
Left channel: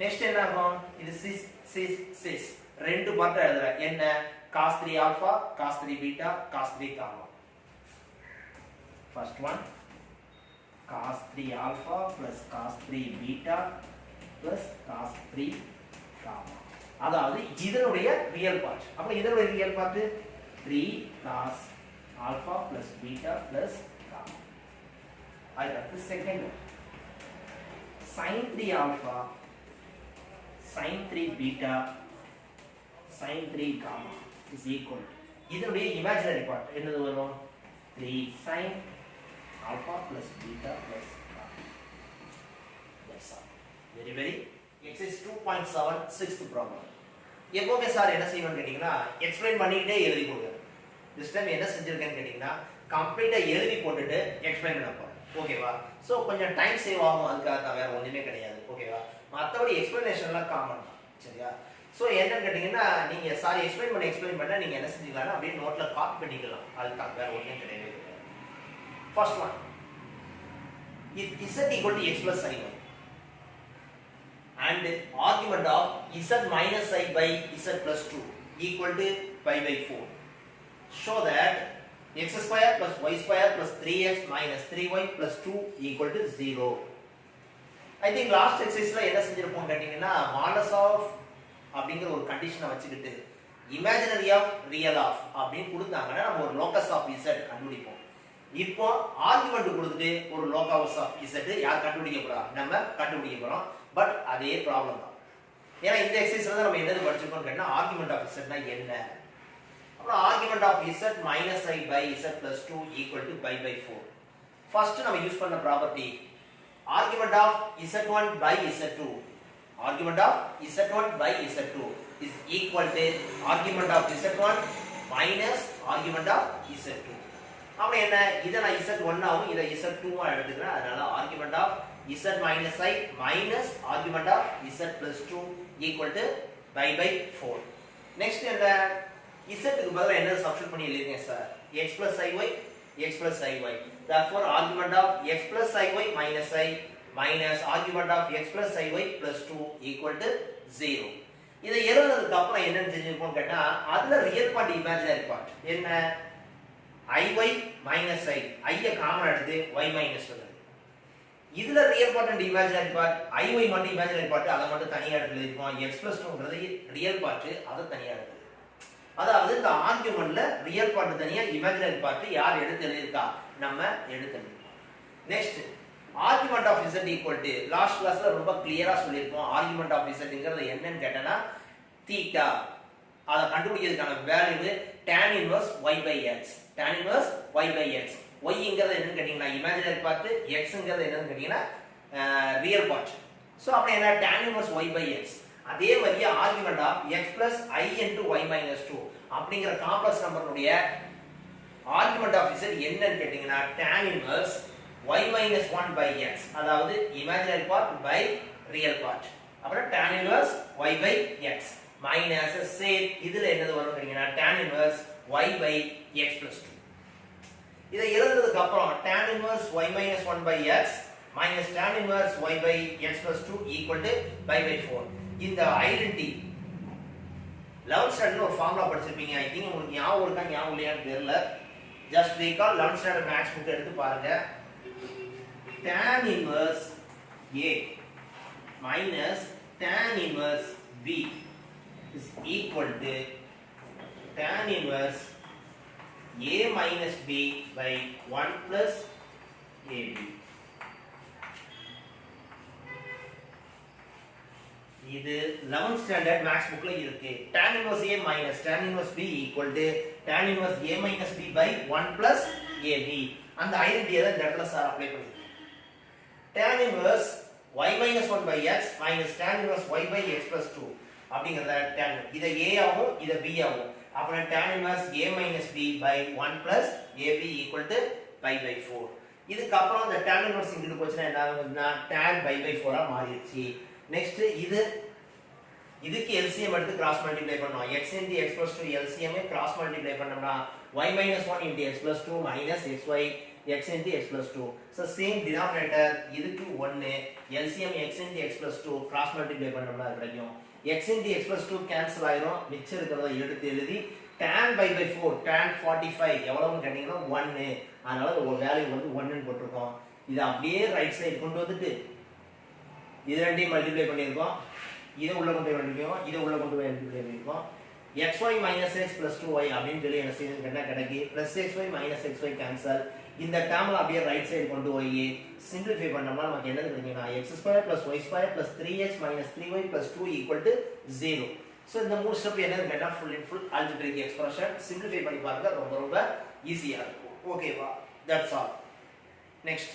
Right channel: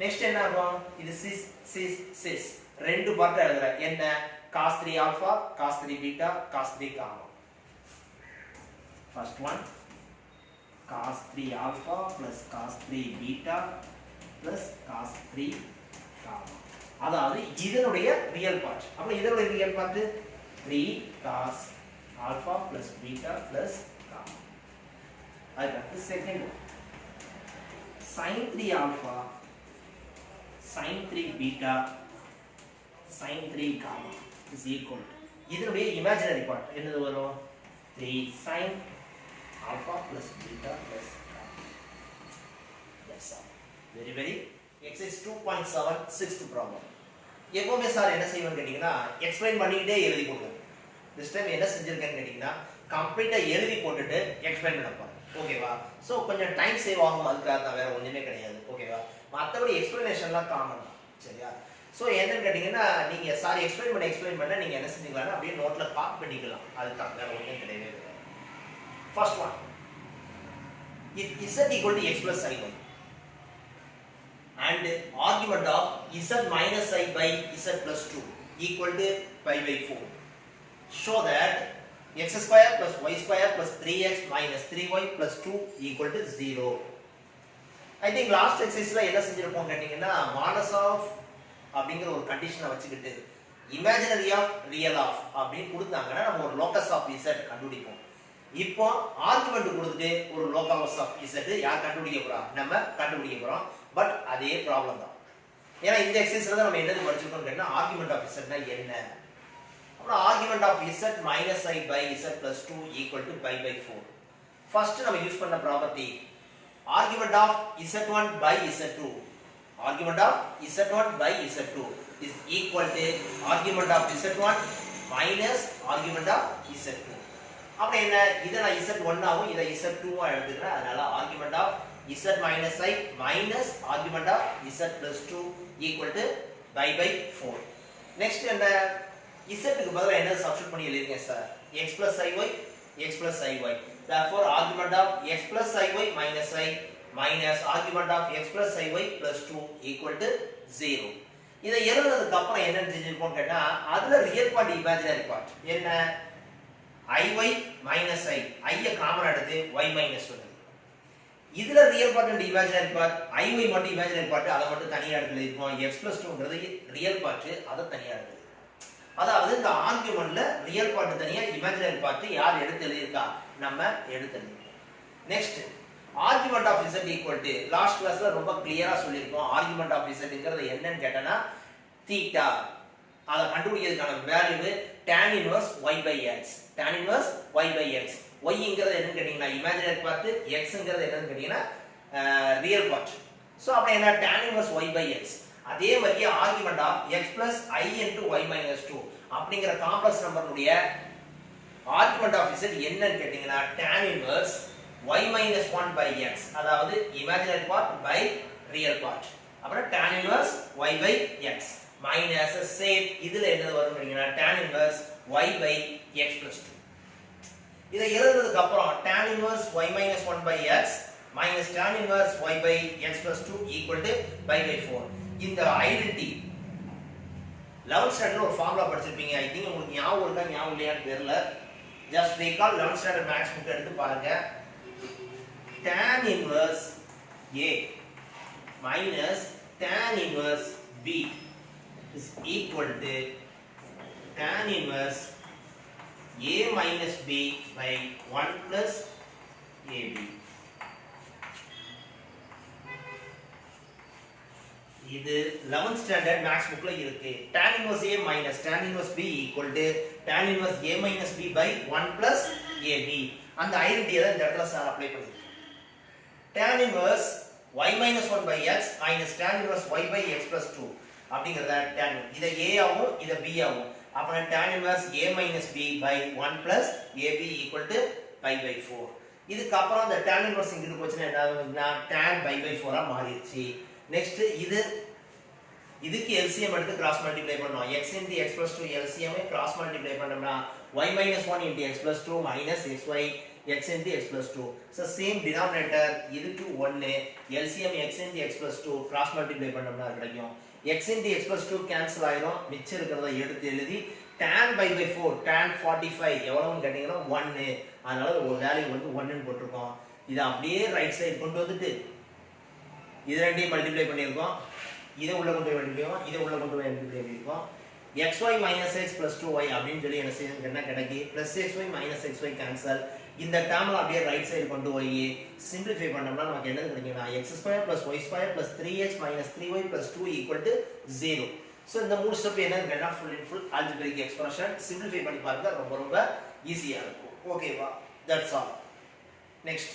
next என்ன ஆகும்? இது sis ரெண்டு பார்ட் எழுதுறேன். என்ன? cos 3 alpha, cos 3 beta, cos 3 gamma. First one cos 3 alpha plus cos 3 beta plus cos 3 gamma. அதாவது இதனுடைய ரியல் பார்ட். அப்ப இதனுடைய real part 3 cos alpha plus beta plus gamma. அடுத்து second one sin 3 alpha sin 3 beta sin 3 gamma is equal to இதனுடைய இமேஜினரி பார்ட் என்னது வரும்? 3 sin alpha plus beta plus gamma. That's all. Very very. Exercise 2.7 sixth problem. எப்பவுமே சார் என்ன செய்வேன்னு கேட்டீங்கன்னா எக்ஸ்பிளைன் பண்ணிக்கிட்டே எழுதி கொடுங்க. திஸ் டைம் என்ன செஞ்சிருக்கேன்னு கேட்டீங்கன்னா கம்ப்ளீட்டா எழுதி போட்டுட்டு எக்ஸ்பிளைன் பண்ண போறேன். ஓகேவா? சோ கொஞ்சம் டைம் சேவ் ஆகும், அதுக்காக வேற ஒண்ணுமே கிடையாது. ஓகேவா? மத்தபடி எக்ஸ்பிளனேஷன்லாம் காமன். சரியா? சோ என்னன்னு கேட்டீங்கன்னா நீங்க சார் எக்ஸ்பிளைன் பண்ண நீங்க என்ன செஞ்சீங்கன்னா அப்படியே நோட்ல காப்பி பண்ணிக்கலாம். அதுதான் வேற ஒண்ணும் கிடையவே கிடையாது. First one if z equal to x plus i y and argument of z minus I by z plus 2 equal to pi by 4, show that x square plus y square plus 3x minus 3y plus 2 equal to 0. I think last exercise la என்ன செஞ்சிருப்போம் கேட்டிங்கன்னா modulus of அப்படிங்கற ஒரு கண்டிஷனை வச்சுக்கிட்டு imaginary of real of அப்படினு கொடுத்தாங்கன்னா நம்ம ஒரு locus of z கண்டுபிடிப்போம். இப்போ ஆர்குமென்ட் கொடுத்துட்டு ஒரு locus of z யார் கண்டுபிடிக்க போறா? நம்ம கண்டுபிடிக்க போறோம். பட் அதே ப்ராப்ளம் தான். ஏன்னா இந்த எக்ஸர்சைஸ்ல தான் நம்ம என்னது படிச்சிருக்கோம் கேட்டா ஆர்குமென்ட் ஆஃப் z னா என்ன? அப்புறம் argument of z minus I by z plus 2 equal to pi by 4. First நம்ம யூஸ் பண்ண property argument of z1 by z2, argument of z1 by z2 is equal to argument of z1 minus argument of z2. அப்ப என்ன? இத நான் z1 ஆவும் இத z2 ஆ எடுத்துக்கிறேன். அதனால argument of z minus I minus argument of z plus 2 equal to pi by 4. Next என்ன? z க்கு பதிலா என்ன சப்ஸ்டிட்யூட் பண்ணி எழுதுங்க sir? x plus iy x plus iy. Therefore argument of x plus iy minus I minus argument of x plus iy plus 2 equal to 0. இத எழுதுறதுக்கு அப்புறம் என்ன செஞ்சிருப்போம் கேட்டா அதுல ரியல் பார்ட் இமேஜினரி பார்ட் என்ன? iy minus I i common எடுத்து y minus 1. இதுல real part and imaginary part iy மட்டும் இமேஜினரி பார்ட் அத மட்டும் தனியா எடுத்து எழுதிப்போம். x plus 2ன்றது ரியல் பார்ட் அத தனியா எடுத்து. அதாவது இந்த ஆர்குமென்ட்ல ரியல் பார்ட் தனியா இமேஜினரி பார்ட் யார் எடுத்து எழுதிருக்கா? நம்ம எடுத்து எழுதிருக்கோம். Next argument of z equal to last கிளாஸ்ல ரொம்ப கிளியரா சொல்லிருக்கோம். ஆர்குமென்ட் ஆஃப் zங்கிறது என்னன்னு கேட்டனா தீட்டா. அத கண்டுபிடிக்கிறதுக்கான value tan inverse y by x. tan inverse y by x. yங்கிறது என்னன்னு கேட்டிங்கனா இமேஜினரி பார்ட், xங்கிறது என்னன்னு கேட்டிங்கனா ரியல் பார்ட். சோ அப்ப என்ன? tan inverse y by x. அதே மாதிரி argument of x plus I into y minus 2 அப்படிங்கற காம்ப்ளெக்ஸ் நம்பருடைய ஆர்குமென்ட் ஆஃப் z என்னன்னு கேட்டிங்கனா tan inverse y minus 1 by x. அதாவது imaginary part by real part. அப்புறம் tan inverse y by x minus same இதுல என்னது வரும் கேட்டிங்கனா tan inverse y by x plus 2. இத எழுதுறதுக்கு அப்புறம் tan inverse y minus 1 by x minus tan inverse y by x plus 2 equal to pi by 4. இந்த ஐடென்டிட்டி 11th ஸ்டாண்டர்ட்ல ஒரு ஃபார்முலா படிச்சிருப்பீங்க. ஐ திங்க் உங்களுக்கு ஞாபகம் இருக்கா ஞாபகம் இல்லையான்னு தெரியல. Just recall 11th standard maths book எடுத்து பாருங்க. tan inverse a minus tan inverse b is equal to tan inverse a minus b by 1 plus ab. இது 11th ஸ்டாண்டர்ட் மேத்ஸ் புக்ல இருக்கு. tan inverse a minus tan inverse b equal to tan inverse a minus b by 1 plus ab. அந்த ஐடென்டிட்டியை தான் இந்த இடத்துல சார் அப்ளை பண்ணிருக்கேன். tan inverse y minus 1 by x minus tan inverse y by x plus 2 அப்படிங்கறத tan இத a ஆவும் இத b ஆவும். அப்ப tan inverse a minus b by 1 plus ab equal to pi by 4. இதுக்கு அப்புறம் அந்த tan inverse இங்க போச்சுனா என்ன ஆகும்னா tan pi by 4 ஆ மாறிடுச்சு. நெக்ஸ்ட் இதுக்கு LCM எடுத்து கிராஸ் மல்டிப்ளை பண்ணோம். x into x plus 2 LCM cross multiply பண்ணோம்னா y minus 1 into x plus 2 minus xy x into x plus 2. So same denominator இதுக்கு 1 LCM x into x plus 2 cross multiply பண்ணோம்னா கிடைக்கும் x into x plus 2 cancel ஆயிரும் மிச்சம் இருக்கிறத எடுத்து எழுதி tan pi by 4 tan 45 எவ்வளவுன்னு கேட்டீங்கன்னா 1 அதனால ஒரு வேல்யூ வந்து 1 ன்னு போட்டுருக்கோம் இத அப்படியே ரைட் சைடு கொண்டு வந்துட்டு இது ரெண்டையும் மல்டிப்ளை பண்ணிருக்கோம் இத உள்ள கொண்டு போய் பண்ணிருக்கோம் இத உள்ள கொண்டு போய் மல்டிப்ளை பண்ணிருக்கோம் xy minus x plus 2y அப்படின்னு சொல்லி என்ன செய்யுது என்ன கிடைக்கு plus xy minus xy cancel இந்த டேர்ம்ல அப்படியே ரைட் சைடு கொண்டு போய் சிம்பிளிஃபை பண்ணோம்னா நமக்கு என்ன கிடைக்கும்னா x2 plus y2 plus 3x minus 3y plus 2 equal to 0 so இந்த மூணு ஸ்டெப் என்னன்னு கேட்டா ஃபுல் algebraic expression சிம்பிளிஃபை பண்ணி பாருங்க ரொம்ப ரொம்ப ஈஸியா இருக்கும் ஓகேவா தட்ஸ் ஆல் நெக்ஸ்ட்